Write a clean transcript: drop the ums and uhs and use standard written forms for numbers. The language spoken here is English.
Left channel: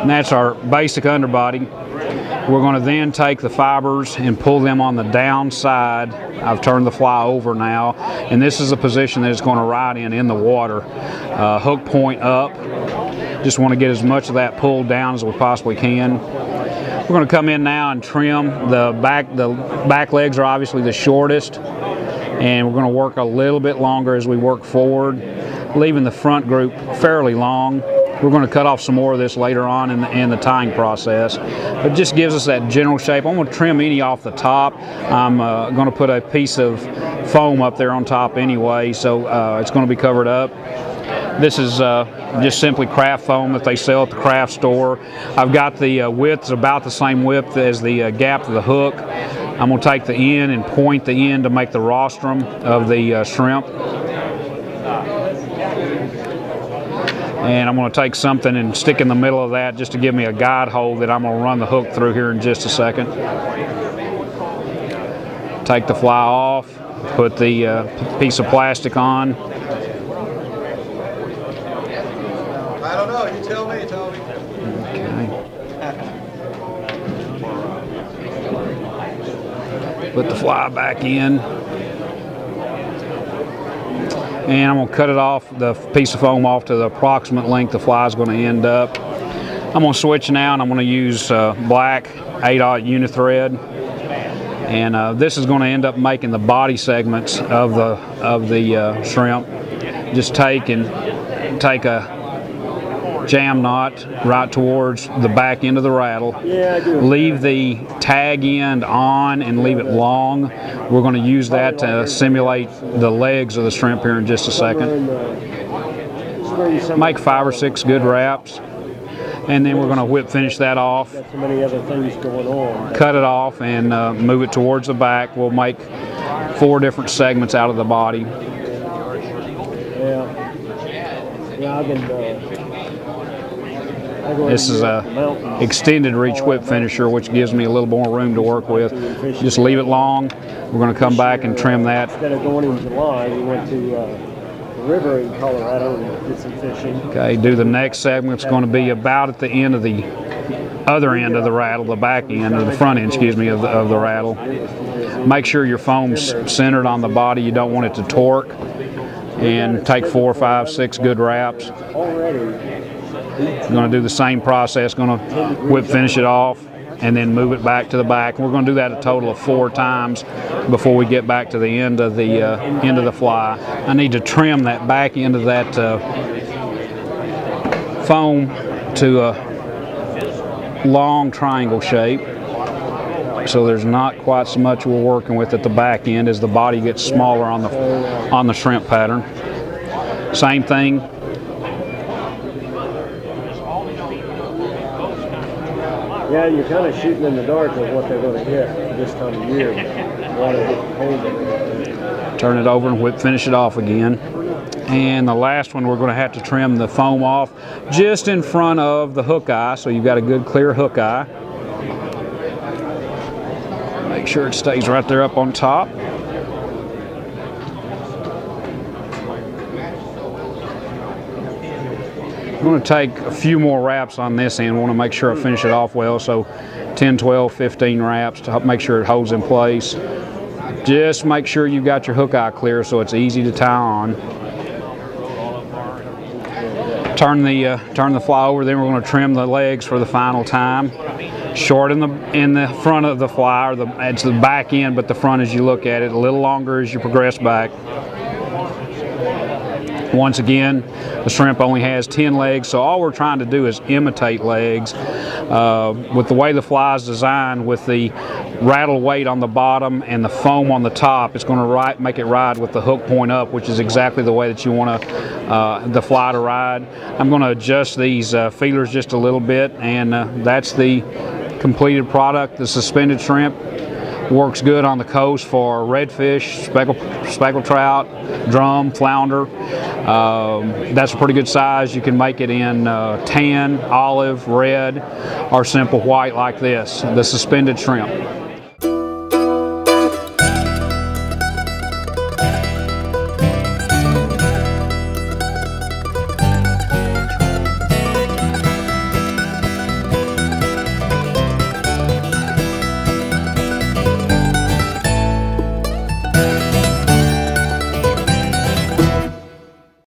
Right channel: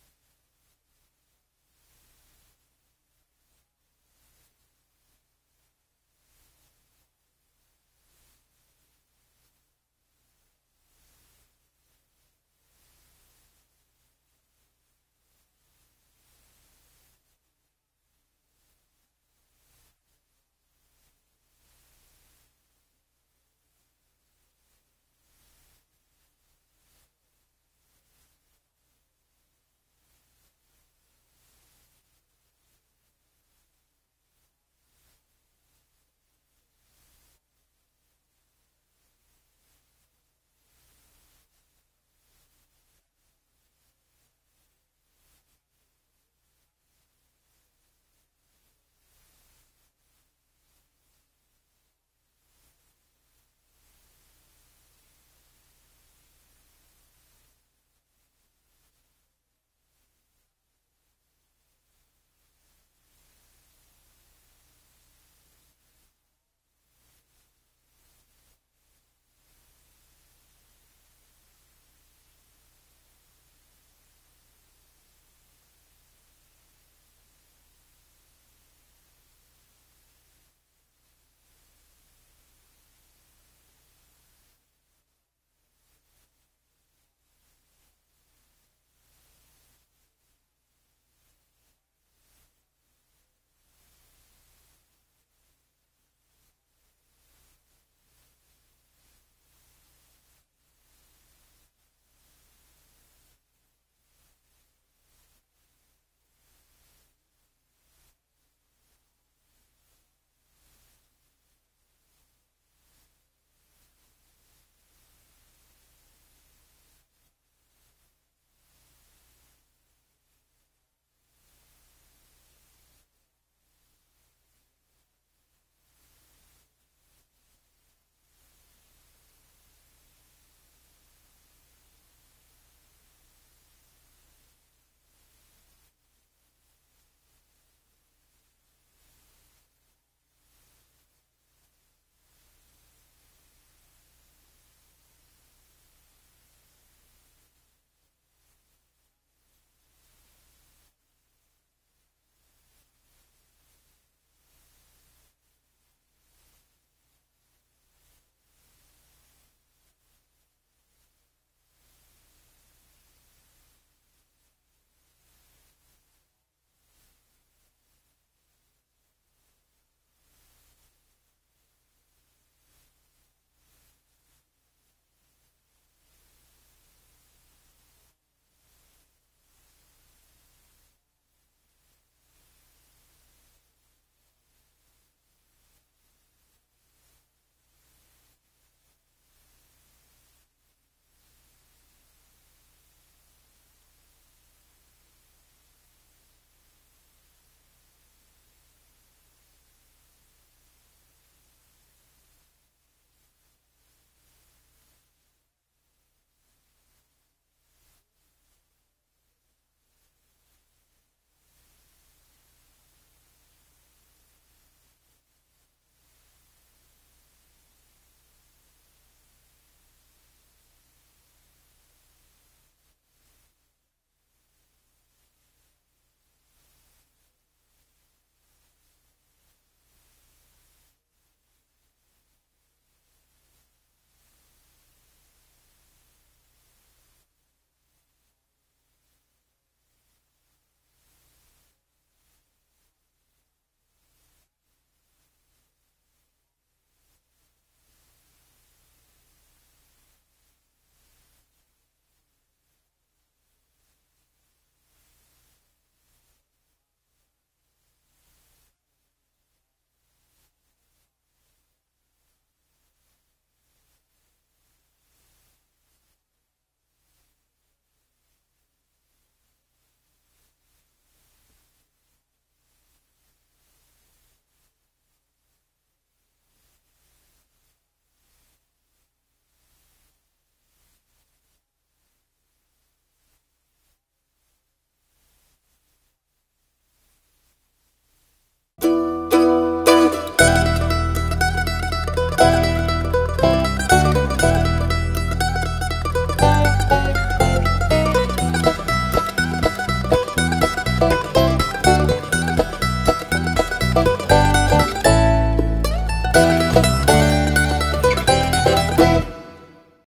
And that's our basic underbody. We're going to then take the fibers and pull them on the down side. I've turned the fly over now, and this is a position that it's going to ride in the water. Hook point up. Just want to get as much of that pulled down as we possibly can. We're going to come in now and trim the back. The back legs are obviously the shortest, and we're going to work a little bit longer as we work forward, leaving the front group fairly long. We're going to cut off some more of this later on in the tying process. It just gives us that general shape. I'm going to trim any off the top. I'm going to put a piece of foam up there on top anyway, so it's going to be covered up. This is just simply craft foam that they sell at the craft store. I've got the width about the same width as the gap of the hook. I'm going to take the end and point the end to make the rostrum of the shrimp. And I'm going to take something and stick in the middle of that just to give me a guide hole that I'm going to run the hook through here in just a second. Take the fly off, put the piece of plastic on. I don't know, you tell me, Tony. Okay. Put the fly back in. And I'm going to cut it off, the piece of foam off to the approximate length the fly is going to end up. I'm going to switch now, and I'm going to use black 8/0 unithread. And this is going to end up making the body segments of the shrimp. Just take a jam knot right towards the back end of the rattle. Leave the tag end on and leave it long. We're going to use that to simulate the legs of the shrimp here in just a second. Make 5 or 6 good wraps, and then we're going to whip finish that off. Cut it off and move it towards the back. We'll make 4 different segments out of the body. This is a extended reach whip finisher, which gives me a little more room to work with. Just leave it long. We're going to come back and trim that. Instead of going in July, we went to the river in Colorado and did some fishing. Okay, do the next segment. It's going to be about at the end of the other end of the rattle, the back end, or the front end, excuse me, of the rattle. Make sure your foam's centered on the body. You don't want it to torque. And take 4, 5, 6 good wraps. I'm going to do the same process. Going to whip finish it off and then move it back to the back. We're going to do that a total of 4 times before we get back to the end of the fly. I need to trim that back end of that foam to a long triangle shape, so there's not quite so much we're working with at the back end as the body gets smaller on the shrimp pattern. Same thing. Yeah, you're kind of shooting in the dark with what they're going to hit this time of year. Turn it over and whip finish it off again. And the last one, we're going to have to trim the foam off just in front of the hook eye, so you've got a good clear hook eye. Make sure it stays right there up on top. I'm going to take a few more wraps on this end. I want to make sure I finish it off well, so 10, 12, 15 wraps to make sure it holds in place. Just make sure you've got your hook eye clear so it's easy to tie on. Turn the fly over, then we're going to trim the legs for the final time. Short in the front of the fly, or it's the back end, but the front as you look at it, a little longer as you progress back. Once again, the shrimp only has 10 legs, so all we're trying to do is imitate legs. With the way the fly is designed, with the rattle weight on the bottom and the foam on the top, it's going to make it ride with the hook point up, which is exactly the way that you want the fly to ride. I'm going to adjust these feelers just a little bit, and that's the completed product. The suspended shrimp works good on the coast for redfish, speckled trout, drum, flounder. That's a pretty good size. You can make it in tan, olive, red, or simple white like this, the suspended shrimp.